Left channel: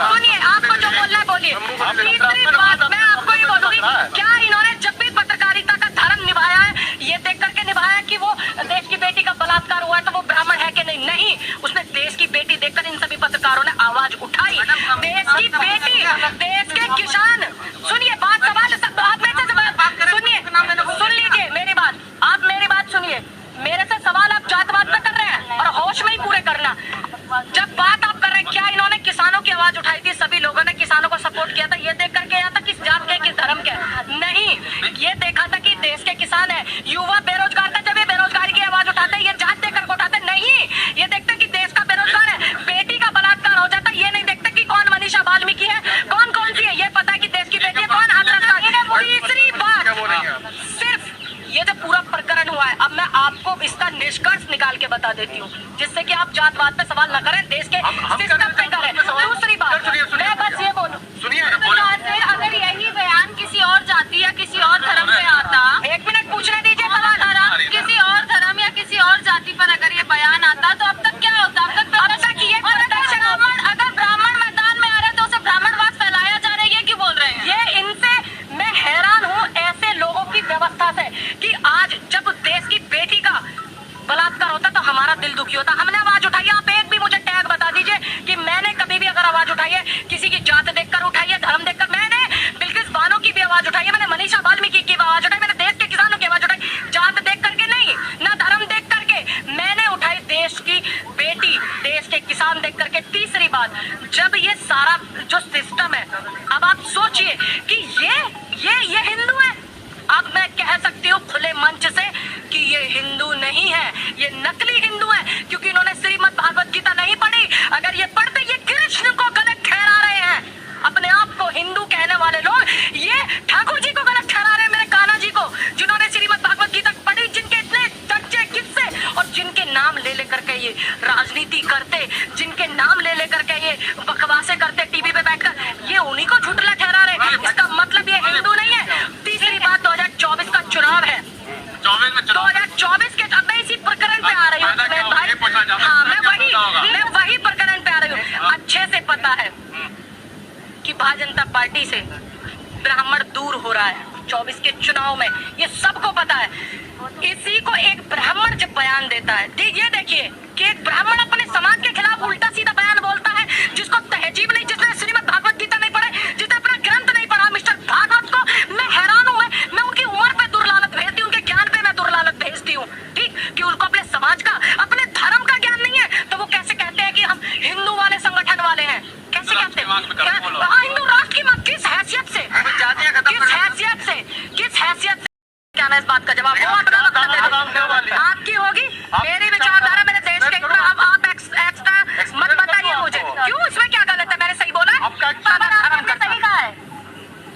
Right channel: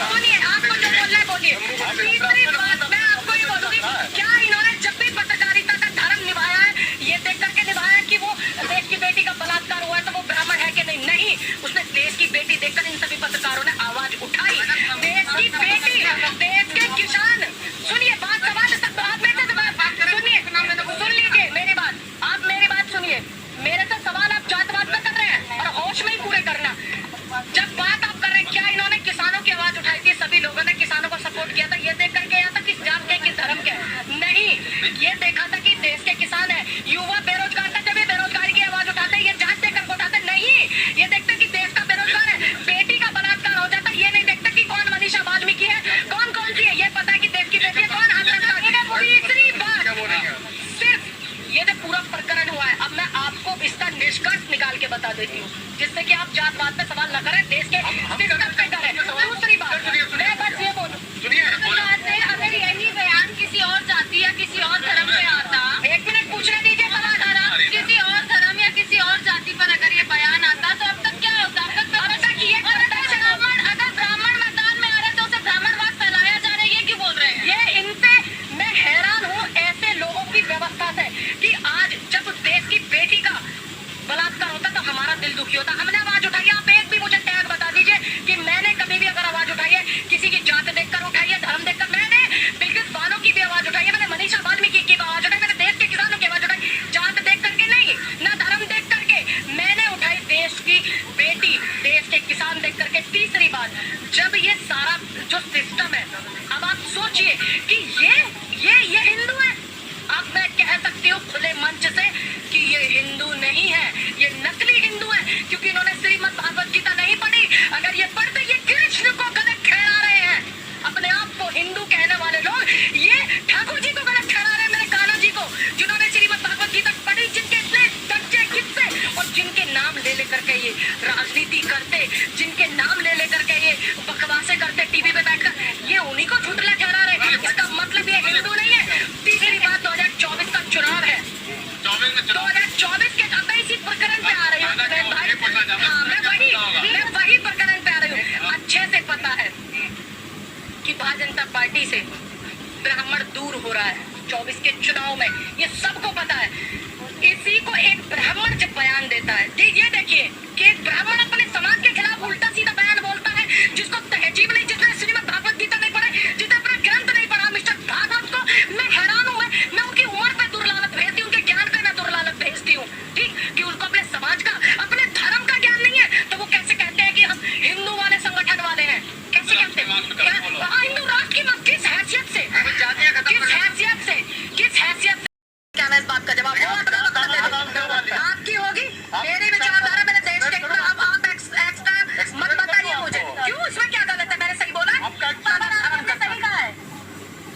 सुनिए, आपको जो बोलना है बोलिए। तीसरी बात मैं आपको ये बोलूंगी, क्या इन्होंने जब भी पत्रकारिता का धर्म निभाया है, ये देख करके निभाया है कि वो देश की बेटी का बलात्कार हुआ है तो वो ब्राह्मण है कि नहीं? नहीं, उसने देश की बेटी देखकर इन सभी पत्रकारों ने आवाज उठाई। देश की बेटी, देश के किसान। सुनिए, बात सवाल सब आप में से सुनिए, सुन लीजिए मेरी बात, आप मेरी बात सुनिए। मेरे से सवाल आप जातवाद में कर रहे हैं और होश में ही पूरे करना। जब बात आप कर रहे हैं, क्या इन्होंने किसानों की आवाज उठाई थी? सभी लोगों ने किसानों को सपोर्ट किया था। ये देख करके यहाँ तक किस जात के, किस धर्म के? नहीं, ये देखा था कि देश के किसान है, युवा बेरोजगार था। जब ये बेरोजगारी की आवाज उठाते, ये जात देकर उठाते नहीं। ये देखते कि देश का बेरोजगार है, बेटी का बलात्कार हो जाता। ये नहीं देखते कि कौन मनीषा वाल्मीकि है, कौन कौन सी है। ये पता है कि देश की बेटी है, कौन हाथ रखता है। तीसरी बात, सिर्फ ये जो पूरा प्रकरण हुआ है, अब मैं आपको इसका निष्कर्ष निकाल के बता देती हूँ, जिससे कि आप जातवाद पे सवाल न करें, देश के सिस्टम पे करें। दूसरी बात, मैं बस ये बोलूँ, अगर यही बयान किसी और जाति या किसी और धर्म पे आता, एक मिनट पूछने दीजिए सवाल, किसी और धर्म या किसी और जाति पर अगर ये बयान आता तो अब तक क्या होता? अगर ब्राह्मण मैदान में आ रहे तो उसे ब्राह्मणवाद फैलाया जा रहा है, ये क्यों बोल रहे हैं? ये इनसे मैं हैरान हूँ, ऐसे लोगों की व्यवस्था से, कि आज जब देश की बेटी का बलात्कार होता तो हमारा दिल दुखी होता। हमने आवाज उठाई। आप एक भी मुझे टैग बता दीजिए कि मैंने कभी भी अगर आवाज उठाई है, किसी की जात देखकर उठाई है, धर्म देखकर। मैंने बिल्किस बानो की भी आवाज उठाई है, मैंने मनीषा वाल्मीकि की आवाज उठाई, मैंने देश के किसानों की आवाज उठाई, जात देख करके नहीं, ना धर्म देख करके। मैंने उठाई देश की बेटी, देश के किसान देख करके। तीसरी बात, जब ये सारा जो सिस्टम है, अब आप सोचिए कि ये हिंदू है। अब मैं कह सकती हूँ खुले मंच से कि ये हिंदू नहीं है, ये नकली हिंदू है, क्योंकि इन्होंने श्रीमद् भागवत गीता नहीं पढ़ी। अगर ये पढ़ते, ये कृष्ण को गलत ठहरा रहे हैं। अपने आप को हिंदू कहने वाले लोग ये ठाकुर जी को गलत ठहरा रहे हैं, मेरे कान्हा जी को, जिन्होंने श्रीमद् भागवत गीता पढ़ी, जिनके इतने चर्चे किस्से, और जिनके नाम ले लेकर के ये राजनीति करते, जिनके नाम ले लेकर के ये बकवासे करते टीवी पे बैठकर, ये उन्हीं को झूठला ठहरा रहे। इसका मतलब ये हिंदू नहीं है। तीसरी बात, 2024 का चुनाव है, 2024 के, अब मैं इसी प्रकरण पे आ रही हूँ। मैं वही प्रकरण पे आ रही हूँ। अच्छे से पता है कि भारतीय जनता पार्टी से ब्राह्मण दूर हो रहा है 24 के चुनाव में, ये सबको पता है। इसी को एक ब्राह्मण जब बयान देता है, ये देखिए कि एक ब्राह्मण अपने समाज के खिलाफ उल्टा सीधा बयान बोलता है, जिसको तहजीब नहीं, जिसने श्रीमद् भागवत गीता नहीं पढ़े, जिसने अपना ग्रंथ नहीं पढ़ा। मिस्टर भागवत को मैं हैरान हूँ। मैं उनकी उम्र पे दुर्लालत भेजती हूँ, उनके ज्ञान पे मैं दुर्लालत भेजती हूँ, ठीक, कि उनको अपने समाज का, अपने धर्म का ज्ञान नहीं है, तो वो कैसे कहते हैं कि हम हिंदू वाले संगठन वाले हैं? कैसे कहते हैं? हिंदू राष्ट्र की किस हैसियत से, किस हैसियत से क्या ना? इस बात का जवाब वो अपना आपकी होगी, मेरी विचारधारा, मेरे देश के। अब आप एक्स्ट्रा मत बताइए मुझे, क्यों, इसमें क्या गलत है? मैंने सही बोला है? आपने सही कहा है।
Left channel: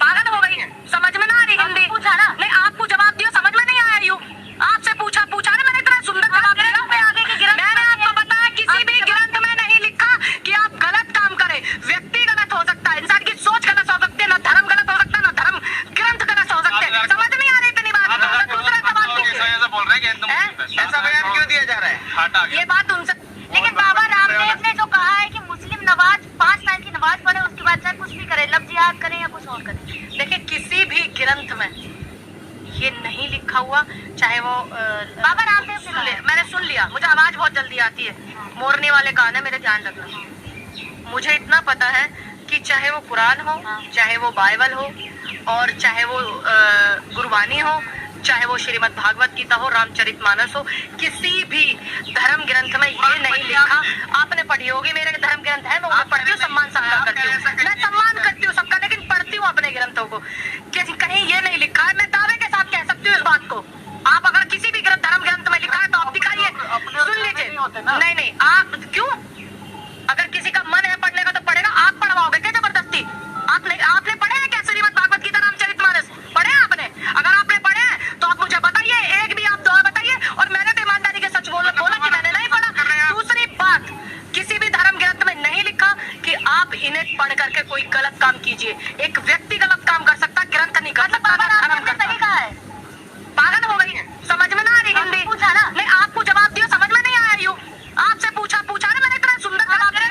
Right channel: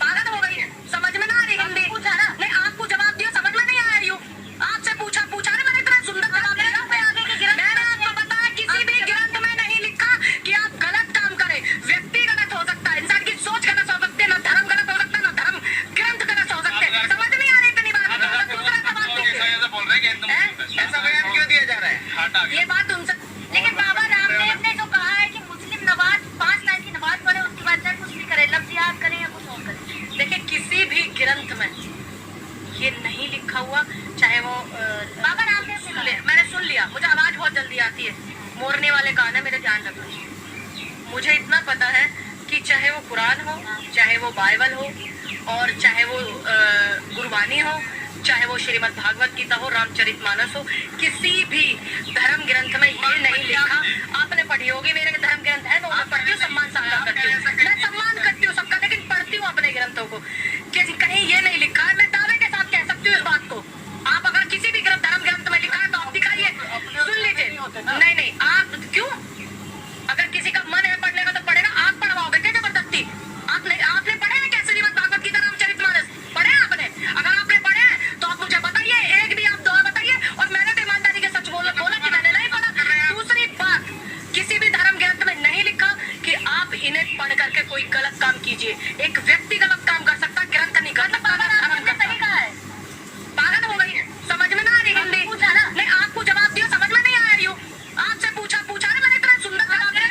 पागल हो गई, समझ में ना आ रही हिंदी? पूछा ना, नहीं आपको जवाब दिया, समझ में नहीं आया। यूं आपसे पूछा ना, मैंने इतना सुंदर जवाब दिया। मैंने आपको बताया, किसी भी ग्रंथ में नहीं लिखा कि आप गलत काम करें। व्यक्ति गलत हो सकता है, इंसान की सोच गलत हो सकती है, ना धर्म गलत हो सकता है, ना धर्म ग्रंथ गलत हो सकते हैं। समझ नहीं आ रही इतनी बात। दूसरा सवाल ऐसा बयान क्यों दिया जा रहा है? ये बात उनसे, लेकिन बाबा रामदेव ने जो कहा है कि मुस्लिम नमाज 5 टाइम की नमाज पढ़े, उसके बाद चाहे कुछ भी करे, लफ्ज़ याद करें या कुछ और करें। देखिए, किसी भी ग्रंथ में ये नहीं लिखा हुआ, चाहे वो बाबा रामदेव ने, मैंने सुन लिया, मुझे आवाज बहुत जल्दी आती है, मोरने वाले कान है, मेरे ध्यान रखना। मुझे इतना पता है कि चाहे वो कुरान हो, चाहे वो बाइबल हो, और चाहे वो गुरबानी हो, चाहे वो श्रीमद् भागवत गीता हो, रामचरितमानस हो, किसी भी धर्म ग्रंथ में ये नहीं लिखा। आपने पढ़ी होगी, मेरे धर्म ग्रंथ है, मैं उन्हें पढ़ती हूँ, सम्मान सबका करती हूँ, मैं सम्मान करती हूँ सबका, लेकिन पढ़ती हूँ अपने ग्रंथों को। कहीं ये नहीं लिखा है, मैं दावे के साथ कह सकती हूँ इस बात को। आप अगर किसी भी धर्म ग्रंथ में लिखा है तो आप दिखाइए, सुन लीजिए। नहीं, आप क्यों, अगर किसी का मन है पढ़ने का तो पढ़ेगा। आप पढ़वाओगे क्या जबरदस्ती? आपने पढ़े हैं क्या श्रीमद् भागवत गीता, रामचरितमानस पढ़े हैं आपने? अगर आपने पढ़े हैं तो आप मुझे बताइए, एक भी आप दो बताइए, और मैंने तो ईमानदारी के सच बोला कि मैंने नहीं पढ़ा। दूसरी बात, किसी भी धर्म ग्रंथ में नहीं लिखा कि आप इन्हें पढ़ करके कोई गलत काम कीजिए। एक व्यक्ति गलत काम कर सकता, ग्रंथ नहीं कर सकता। पागल हो गई है, समझ में ना आ रही हिंदी? पूछा ना, नहीं आपको जवाब दिया, समझ में नहीं आया। यूं आपसे पूछा ना, मैंने इतना सुंदर जवाब दिया।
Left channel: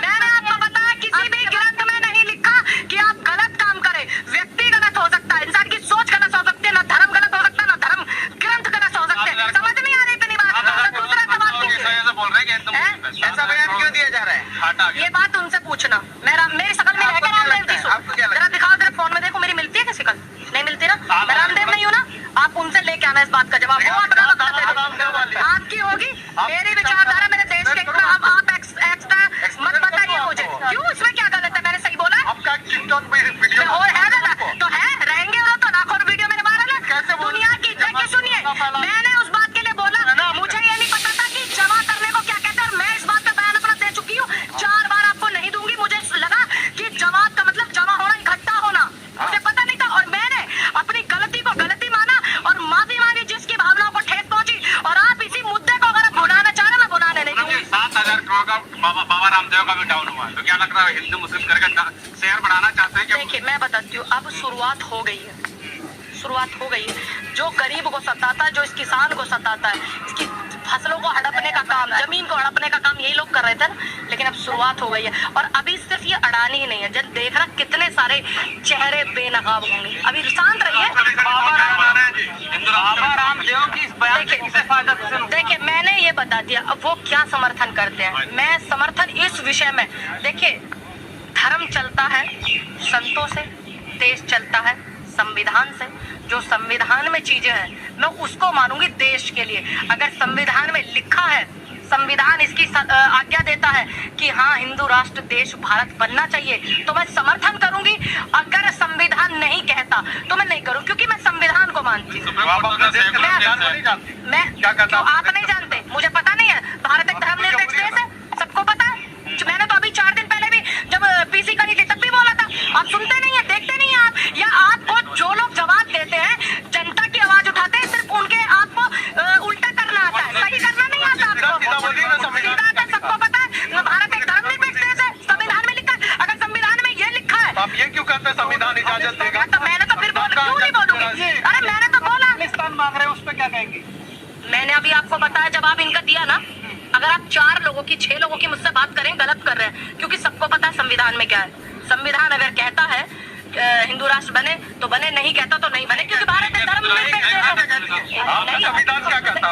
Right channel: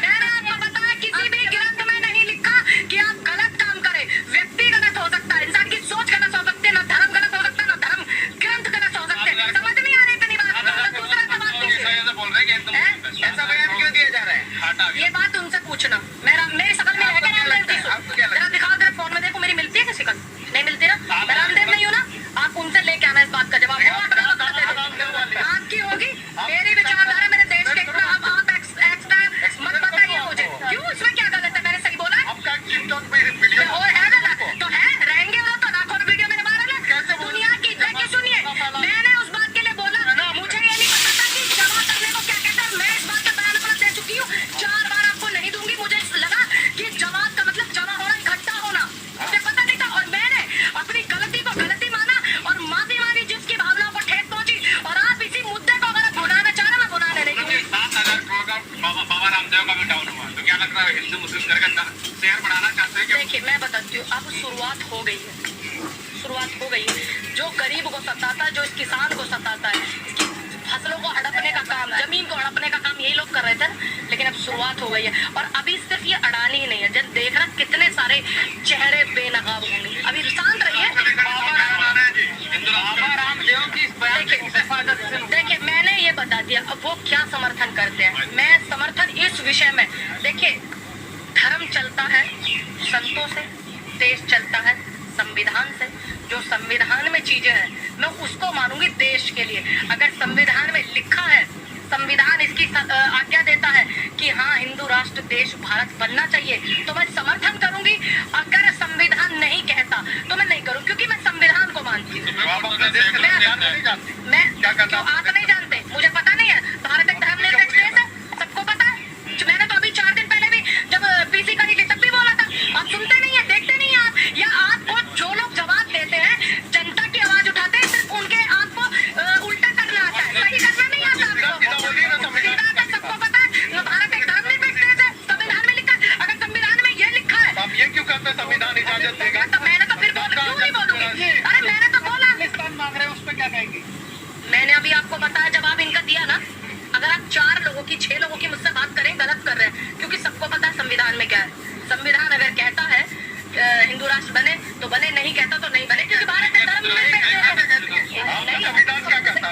मैंने आपको बताया, किसी भी बात उनसे पूछना। मेरी शकल में है क्या रामदेव की? जरा दिखाओ, जरा फोन में देखो, मेरी मिलती है क्या शकल? नहीं मिलती ना, मैं रामदेव नहीं हूँ ना। आप उनसे लेके आना इस बात का जवाब, वो अपना वक्त दे देंगे। आपकी होगी मेरी विचारधारा, मेरे देश के खिलाफ। अब आप एक्स्ट्रा मत बताइए मुझे, क्यों? इसमें क्या गलत है? मैंने सही बोला और है गलत तो है, रहेंगे वो तो लाखों वीडियो मेरे बारे में। दुनिया की देखिए, सुनिए, मैंने उस बात के लिए बोला, मुझे ये नहीं पता था कि जमा करने को क्या कहते हैं। मैं इस बात का बयान अपना दे चुकी हूँ, 4 बार आपको नहीं दूंगी। मुझे लगा कि जमात का मतलब जमा होना, इकट्ठा होना, मुझे पता नहीं था। और मैंने अपनी गलती को गलती माना और माफी मांगी जिसकी भावनाओं को ठेस पहुंची। और आप इसी मुद्दे को अगर भुनाना चाह रहे, मैं भुनाने नहीं दूंगी। 7,000 करोड़ का बाबा रामदेव का भी डाउन हुआ, तो क्या लग रहा है हिंदू मुस्लिम करके शेयर बढ़ाना चाहते हैं? देखिए, मैं बताती हूँ, अब शुरुआत हो गई है, शुरुआत हो गई है। जो गरीब को सताता है, जो इस किसान को सताता है, इसकी फसलों को हड़पने का काम, जमीन को हड़पने का काम यही लोग कर रहे थे ना। लेकिन अब शुरुआत हो गई है। और अभी सिर्फ ये अडानी ही नहीं है, जब देख रहा कितने सारे चेहरे बेनकाब होंगे। अभी शांत रहिए। देखिए, मैंने ये बता दिया, अब वो क्या समर्थन करते हैं। मैं समर्थन इस विषय में, देखिए, धर्म चलता है संतों से, देश चलता है संविधान से। जो संविधान में चीजें हैं मैं उसको मानूंगी देश के लिए। अगर संविधान में लिखा है, संविधान इसकी आज्ञा देता है कि हाँ, हिंदू राष्ट्र देश भारत बनना चाहिए, तो मैं समर्थन करूंगी। अगर संविधान नहीं कहता तो मैं नहीं करूँ, क्योंकि मैं संविधान को मानती हूँ। मैं क्यों? आप नहीं जानते, मुझे पता नहीं है। भारत एक धर्मनिरपेक्ष देश है, सबको पता है। मैंने तो अभी 4 दिन पहले भी जब पीसी करी थी तब भी बोला था। आप सुनते नहीं है, देखते नहीं है आप, या आपको जो लोग जवाब देते हैं, जनता की आवाज उठाते हैं, सिर्फ उनके आपको उल्टा करना आता है, सही करना नहीं आता आपको। सीधा सबको पता है, भारत एक धर्मनिरपेक्ष देश है, संविधान में लिखा है। अगर संविधान में ये लिखा है, आप ये क्यों कहते हैं संविधान इजाजत देगा? तो मैंने तो फिर क्यों नहीं बोलूंगी? अरे मैंने तो बोला, मांग रहे हैं, उस पर क्या कहेंगे? मैंने अभी आपको बताया, जवाब इनका दिया ना। अगर आप 4 लोगों की, 6 लोगों की मुझसे बात करें, गलत कर रहे हैं, क्योंकि सबको पता है संविधान में क्या है। संविधान अगर कहता है हिंदू राष्ट्र बने तो बने, नहीं कहता तो नहीं बने, क्योंकि भारत एक धर्मनिरपेक्ष देश है।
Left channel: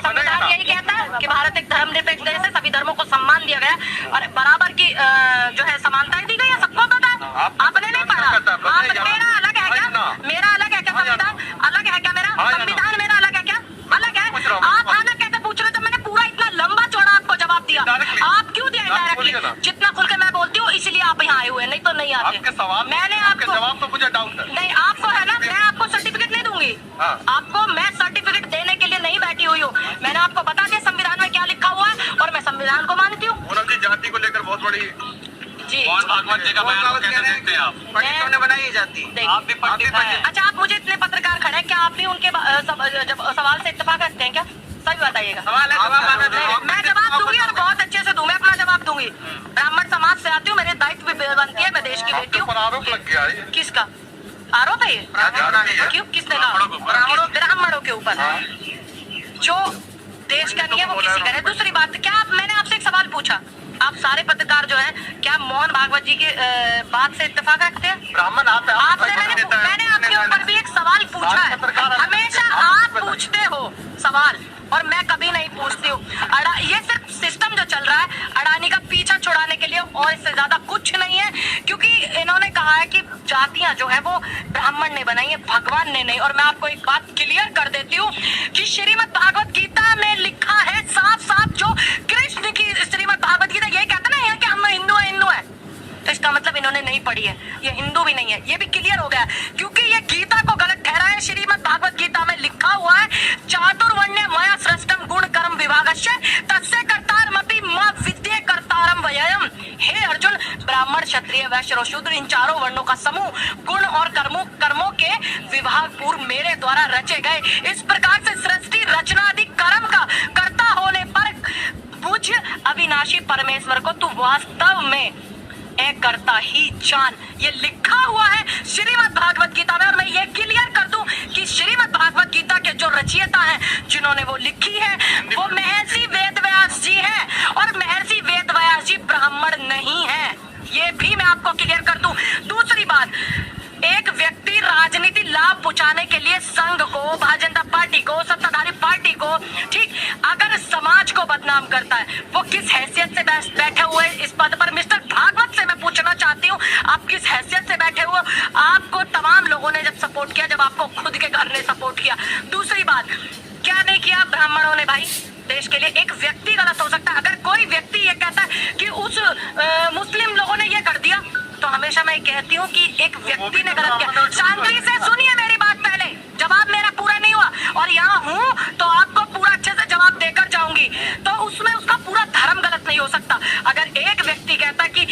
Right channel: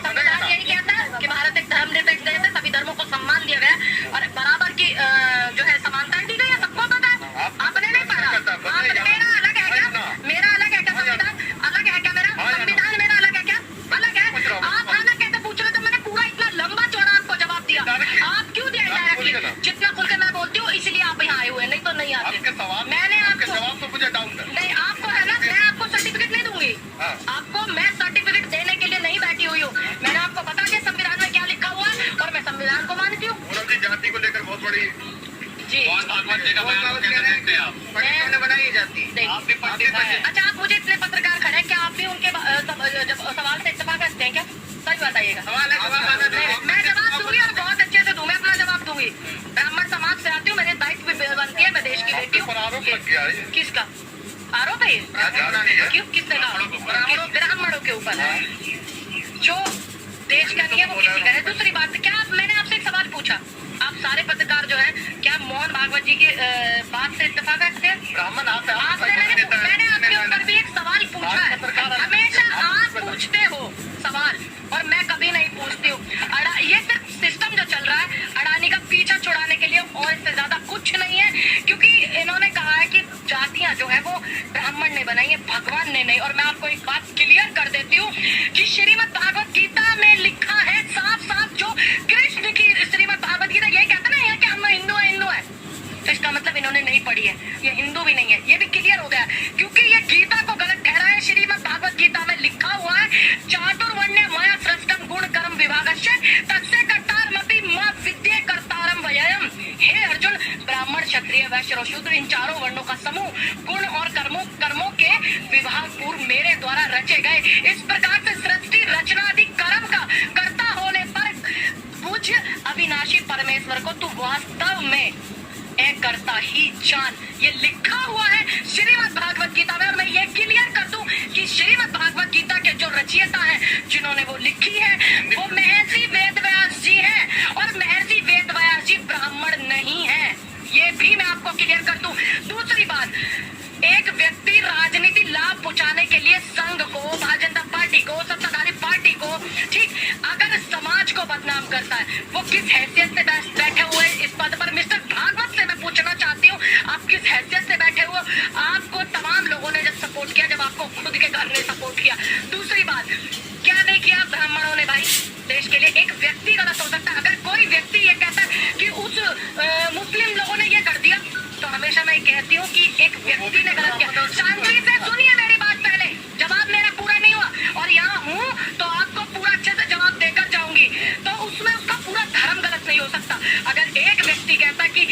संविधान यही कहता है कि भारत एक धर्मनिरपेक्ष देश है, सभी धर्मों को सम्मान दिया गया और बराबर की जो है समानताएं दी गई है, सबको पता है। आपने नहीं पढ़ा? मेरा अलग है क्या? मेरा अलग है क्या? संविधान अलग है क्या? मेरा संविधान मेरा अलग है क्या? अलग है। आप अलग कैसे पूछ रहे थे? मैंने पूरा इतना लंबा चौड़ा आपको जवाब दिया, आप क्यों दिया डायरेक्टली? जितना खुल के मैं बोलती हूँ इसलिए आप यहाँ आए हुए, नहीं तो नहीं आते। मैंने आपको जवाब तो मुझे डाउट है। नहीं, आपको है ना, मैं आपको सर्टिफिकेट नहीं दूंगी। आपको मैं सर्टिफिकेट देने के लिए नहीं बैठी हुई हूँ। मैंने आपको बता दिया संविधान में क्या लिखा हुआ है और मैं संविधान को मानती हूँ। पूनम जी, जाति को लेकर बहुत बड़ी जी बनाई जाती, आप भी पढ़ती हैं। अच्छा, आप मुझे इतने पत्रकार खड़े हैं, क्या आप भी उनके सवाल से इत्तेफाक रखते हैं क्या? सही बताइएगा। मैं जवाब दूंगी और बहुत अच्छे से दूं, मैं अपना जवाब दूंगी। ब्राह्मण समाज से आती हूँ, मेरे दायित्व भी बनती है, मैं देश की बेटी हूँ। आरोप लग गया है। किसका आरोप है ये? क्यों? किसने कहा? ब्राह्मणों के ऊपर। जो देश का नहीं है वो किसी का है। दूसरी बात, क्या मैंने आपसे एक सवाल पूछा, आप सारे पत्रकार जो है, क्या मोहन भागवत जी की बात से इत्तेफाक रखते हैं? ब्राह्मण आपसे मैंने आपके ऊपर भी एक सवाल पूछा है। हमेशा आप पूछते हो सवाल और मैं कभी नहीं पूछती हूँ। ये सिर्फ सिस्टम जो चल रहा है अडानी का पीछा छुड़ाने के लिए, और इससे ज्यादा कुछ नहीं है। क्योंकि इन्होंने कहा है कि जातियां जो है वो ब्राह्मण ने बनाई है, भगवान ने नहीं। और मैं आपको एक बात क्लियर कर देती हूँ कि श्रीमद् भागवत गीता में लिखा है साफ साफ, जो कृष्ण की श्रीमद् भागवत गीता यही कहता ना कि हम हिंदू है, तो इसका मतलब इन्होंने नहीं पढ़ी है, ये हिंदू भी नहीं है। ये भी क्लियर हो गया, क्योंकि ये गीता को गलत ठहरा है। श्रीमद् भागवत गीता में लिखा हुआ है, चातुर्वर्ण्य मया सृष्टम गुण कर्म विभागस्य तस्य कर्तारमपि मा विद्ये कर्तारम वयम्। हे अर्जुन, ब्राह्मण क्षत्रिय वैश्य और शूद्र, इन 4 वर्णों का समूह गुण और कर्मों के विभाग पूर्व मेरे द्वारा रचे गए। इस प्रकार से सृष्टि रचनादि कर्म का कर्ता होने पर पूज्य अविनाशी परमेश्वर को तू वास्तव में एक करता ही जान। ये लिखा हुआ है श्रीमद् भागवत गीता में। और मैं ये क्लियर कर दूं कि श्रीमद् भागवत गीता के जो रचयिता हैं, जिन्होंने वो लिखी है, वो महर्षि वेदव्यास जी हैं। और महर्षि वेदव्यास जी ब्राह्मण नहीं है, ये भी मैं आपको क्लियर कर दूं। दूसरी बात, एक व्यक्ति राजनीति लाभ पहुंचाने के लिए संघ को, भारतीय जनता पार्टी को, सत्ताधारी पार्टी को, ठीक, अगर समाज को बदनाम करता है, वो किस हैसियत से बैठे हुए इस पद पर? मिस्टर भागवत से मैं पूछना चाहती हूँ, आप किस हैसियत से बैठे हुए? आपको तमाम लोगों ने जब सपोर्ट किया, जब आपको खुद के घर ने सपोर्ट किया। दूसरी बात, क्या नहीं किया ब्राह्मणों ने भाई देश के लिए? एक व्यक्ति गलत हो सकता है, अगर कोई व्यक्ति ये कहता है कि उस मुस्लिम लोगों ने ये कर दिया, तो हमेशा मैं कहती हूँ कि एक व्यक्ति ने गलत किया। शांति से सुनिए मेरी बात, पहले जवाब मेरा पूरा नहीं हुआ, और यहाँ हूँ तो आपको पूरा अच्छे से जवाब देकर जाऊंगी। तो उसमें उसका पूरा धर्म गलत नहीं हो सकता। अगर एक व्यक्ति कहता कि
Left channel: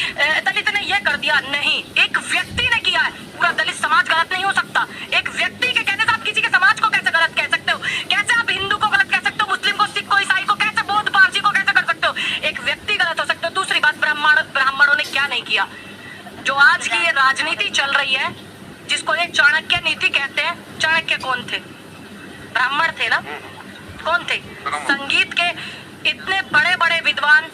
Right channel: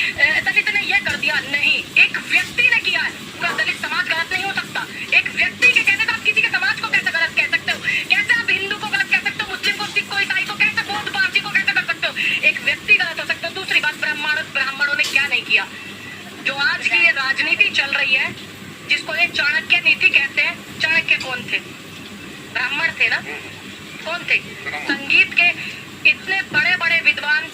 दलित ने ये कर दिया, नहीं, एक व्यक्ति ने किया है, पूरा दलित समाज गलत नहीं हो सकता। एक व्यक्ति के कहने से आप किसी के समाज को कैसे गलत कह सकते हो? कैसे आप हिंदू को गलत कह सकते हो? मुस्लिम को, सिख को, ईसाई को, कैसे बौद्ध पारसी को कैसे कर सकते हो? एक व्यक्ति गलत हो सकते हो। दूसरी बात, ब्राह्मणों ने क्या नहीं किया? जो आज की ये राजनीति चल रही है, जिसको ये चाणक्य नीति कहते हैं, चाणक्य कौन थे? ब्राह्मण थे ना? कौन थे? संगीत के इतने बड़े बड़े विद्वान